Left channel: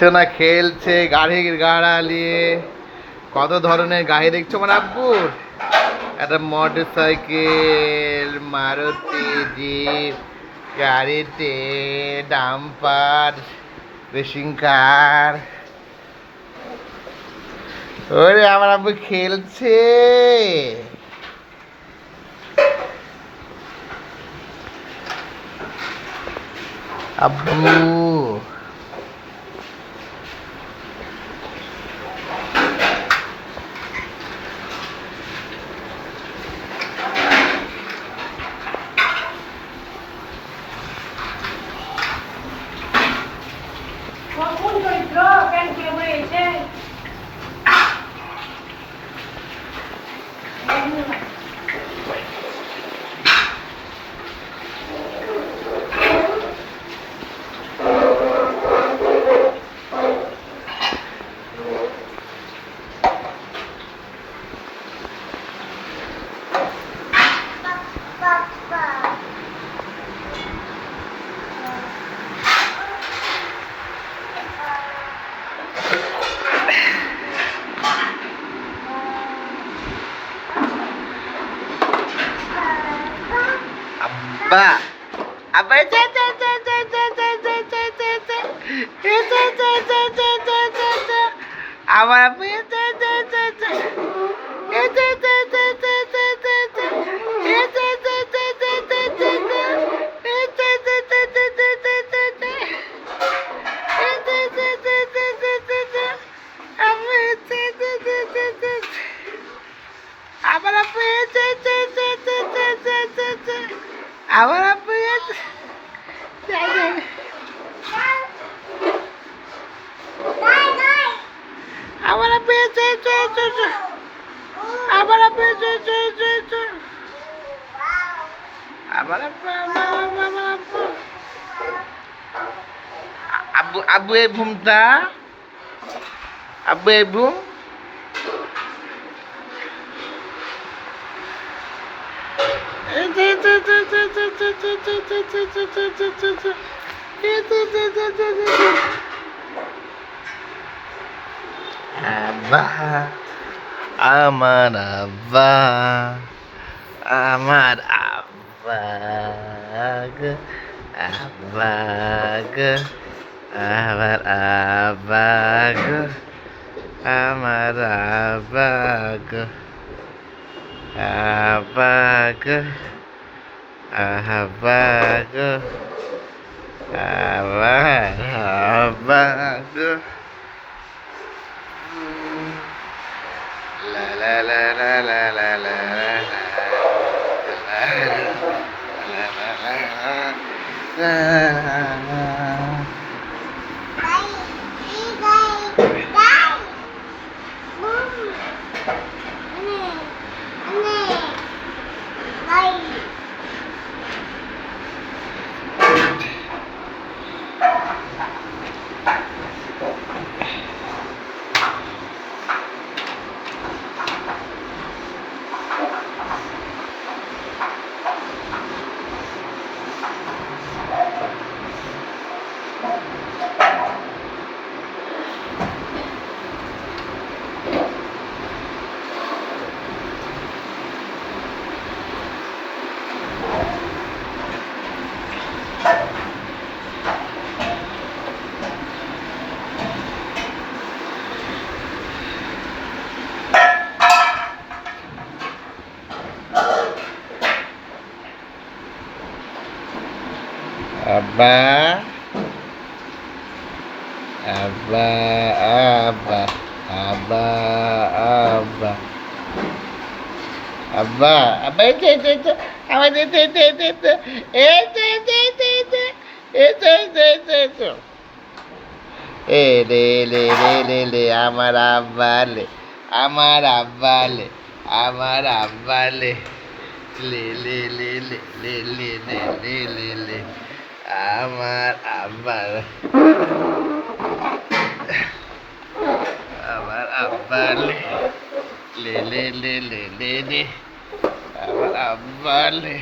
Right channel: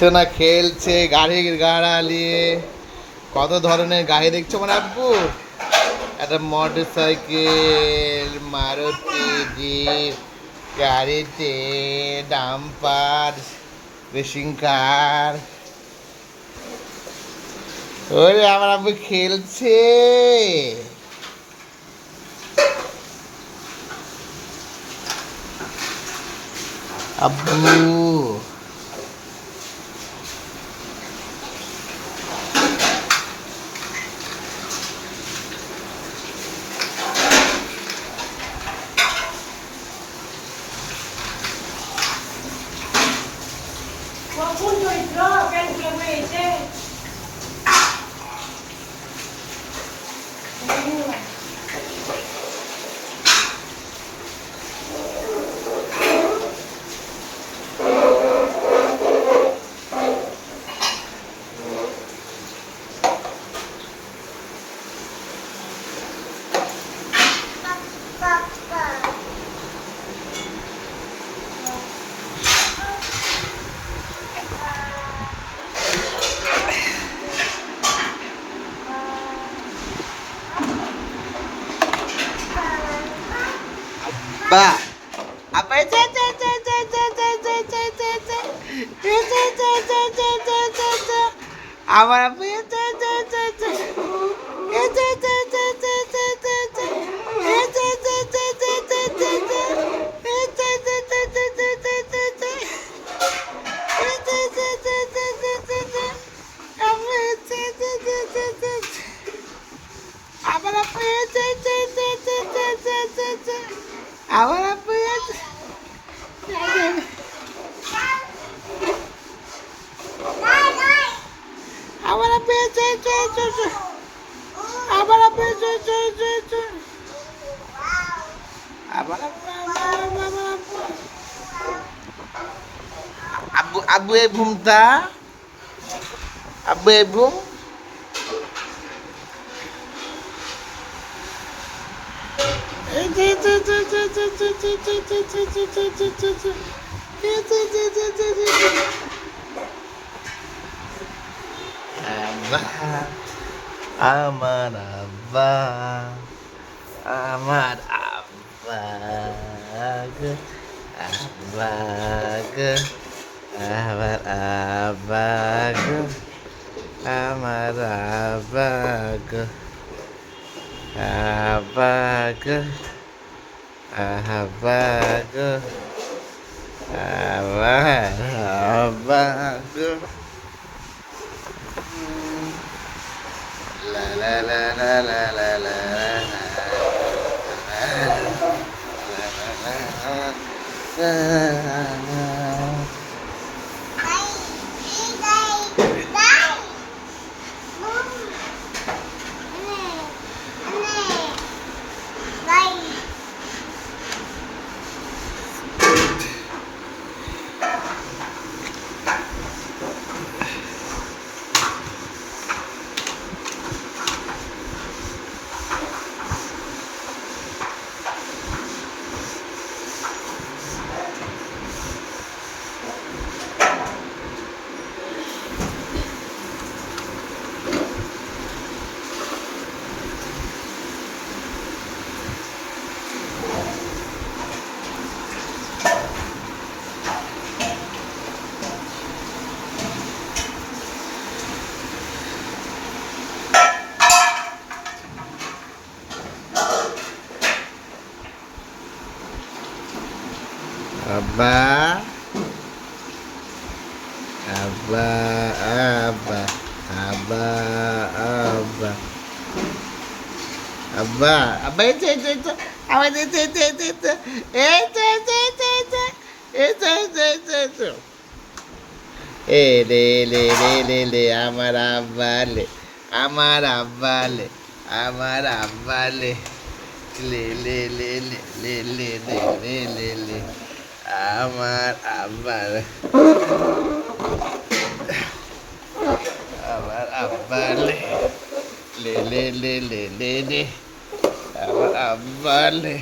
সোনা খেলছে গাড়ির গাড়া নিয়ে। কত ধরনের গাড়ি দেখছো আমার আব্বুর। একটা মোটর সাইকেল, মারুতি জিপ, গাড়িতে ডাম্পার, রেসিং কার। ওরে আমার আব্বু খেলছে। আব্বু আব্বা আব্বা আমার আব্বু আমার আব্বু আমার আব্বু আমার আব্বু আমার আব্বু আমার আব্বু আব্বু আব্বু এই ঘুমটা আব্বু এই ঘুম আব্বা আমার আব্বা আমার আব্বা গো আব্বা গো আমার আব্বা গো আমার আব্বা গো আব্বা গো আব্বা গো আমার আব্বা গো la la la la la la la Abba, Abba, Abba, Abba, Abba, Abba, Abba, itu, Abba, itu. Le, আমার আব্বা le, আমার আব্বা le, আমার আব্বা le, le. আমার আব্বার আমার আব্বার লে আমার আব্বার লে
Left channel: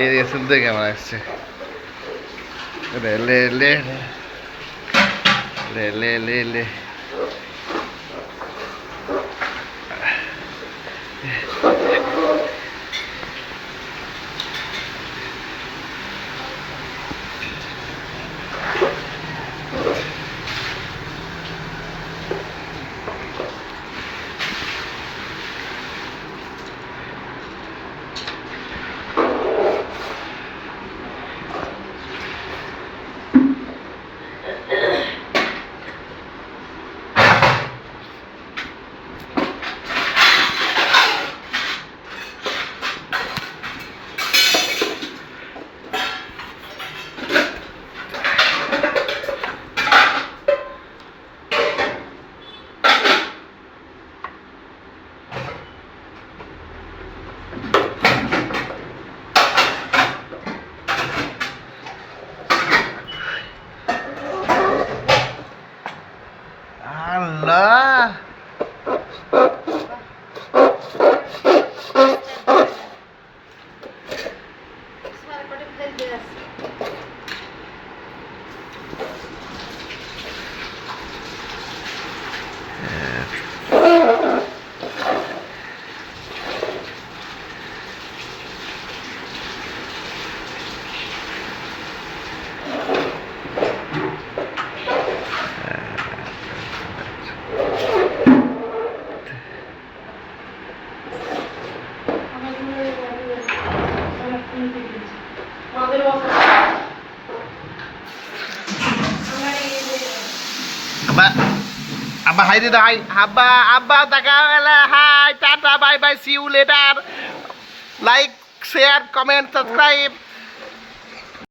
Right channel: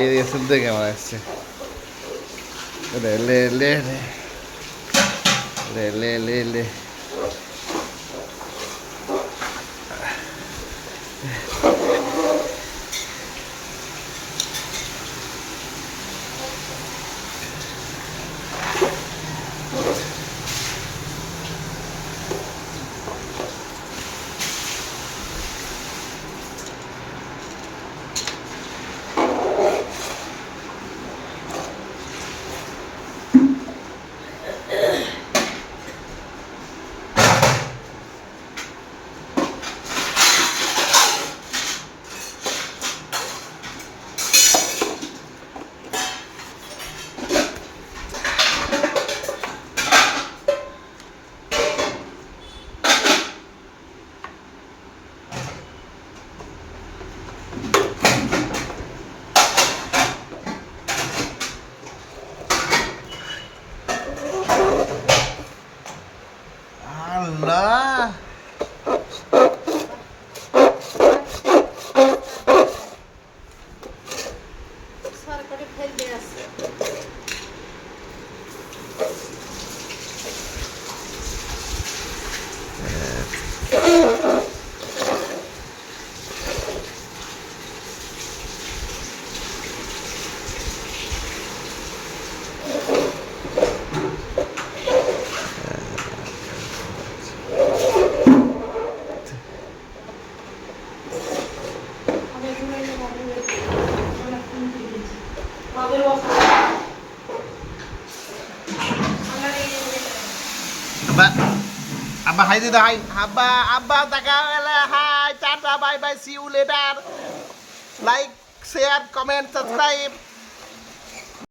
এই দেখছেন তো কেমন আসছে রে লে লে লে লে লে লে আল্লাহ Abba, Abba, hi, did hi, Abba, Abba, hi, Tata, bye, bye, see you later. Like, share, comment, subscribe.